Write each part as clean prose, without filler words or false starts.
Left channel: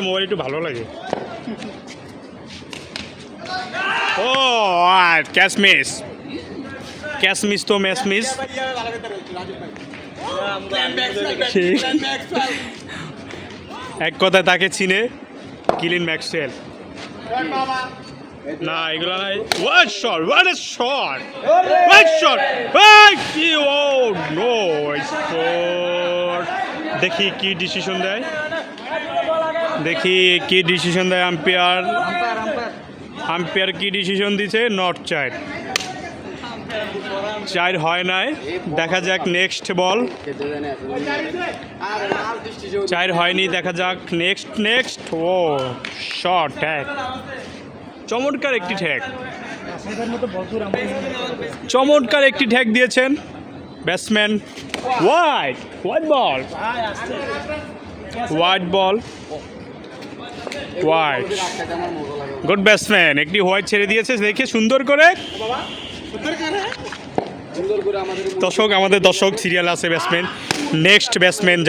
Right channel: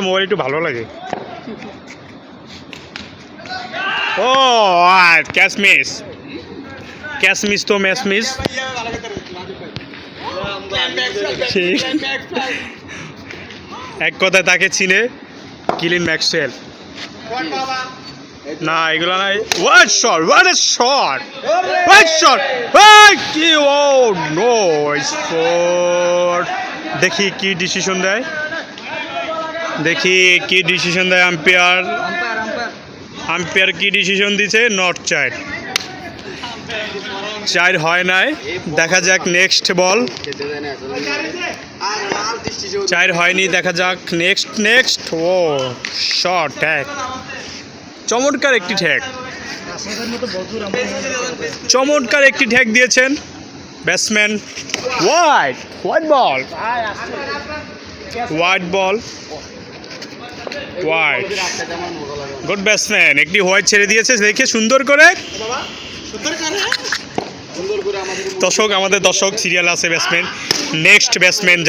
সময় মোবাইল একটু ভালো লাগে। ও ক্যাচ মিস তো ম্যাচ মিস। এক কথায় তাকে চিনে কিলিন ম্যাক্সওয়েল। না এগুলো নাই। What shot, what a shot, what shot, কি ও নো স্পট। দেখি কি ডিসিশন দেয়, আম্পায়ার কি ডিসিশন দিছে। নট চার হয় নাই, দেখা যাক নেক্সট বল। চার হয়নি, দেখা যাক নেক্সট। ও শট, ট্যাগ, চমৎকার একটি ট্যাগ দিয়েছেন batsman. White ball, good batsman, একটি হোয়াইট ছেড়ে দিয়েছে। দেখে সুন্দর করে আমাদের দর্শক সিরিয়াল আছে ব্যাটসম্যান। নেক্সট ব্যাটসম্যান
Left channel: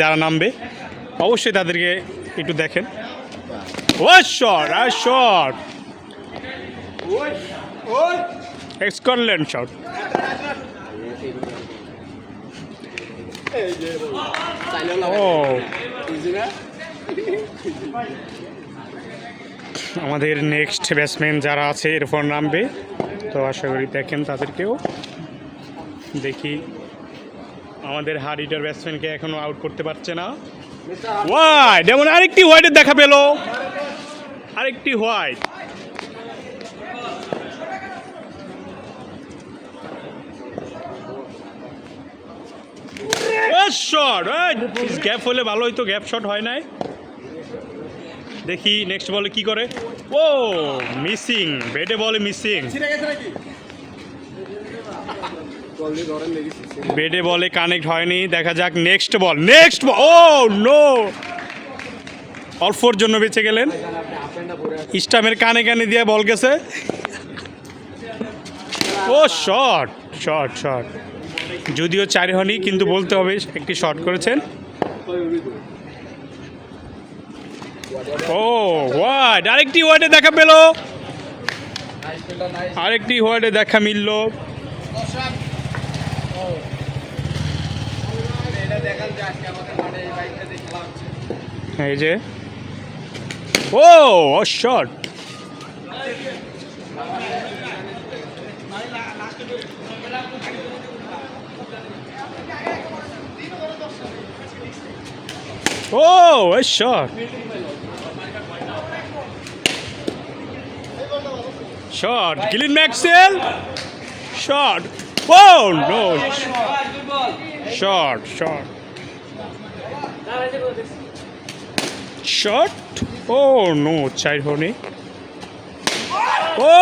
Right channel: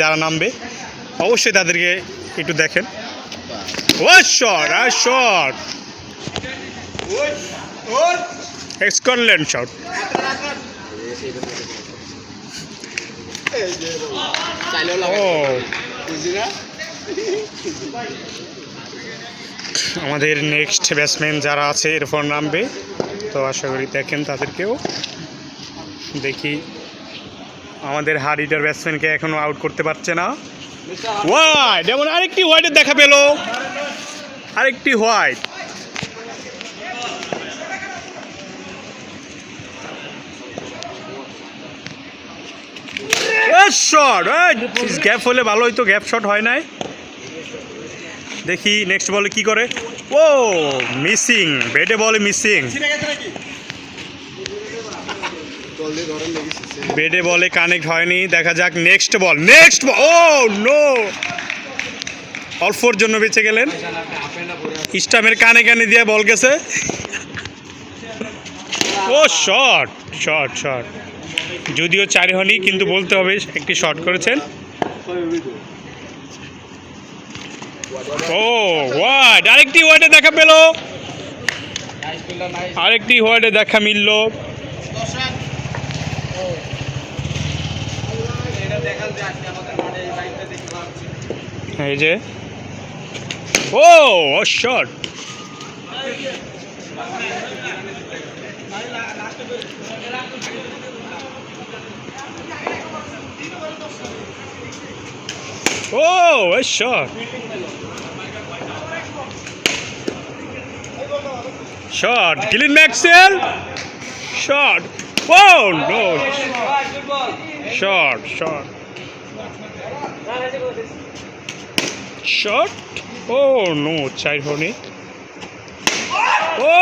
যারা নামবে অবশ্যই তাদেরকে একটু দেখেন। Shot, excellent shot. আমাদের নেক্সট ব্যাটসম্যান যারা আছে এরপর নামবে, তো আশা করি দেখেন তাদেরকেও। দেখি আমাদের হার্ড হিটার ব্যাটসম্যানকে এখনো আউট করতে পারছে না। হোয়াইট, যেমন আরেকটি হোয়াইটের দেখা পেল, আরেকটি হোয়াইট। শট, গ্যাপ হলে ভালো হইতো, গ্যাপ শট হয় নাই। দেখি নেক্সট বলে কি করে। ও মিসিং, বেডে বলে কানেক্ট হয়নি। দেখা যাক নেক্সট বল। ও নো, অল্পর জন্য বেঁচে গেলেন। স্টাম্পের কানে দিয়ে বল গেছে। ও শট, যদিও চার হয়নি, কিন্তু বলতে হবে একটি শট করেছেন। ও হোয়াইট, আরেকটি হোয়াইটে দেখা পেল, আরেকটি হোয়াইটে দেখা মিলল। এই যে ও shot, shot, Glenn Maxwell shot. Oh no, shot, oh no, চার হয়নি। ও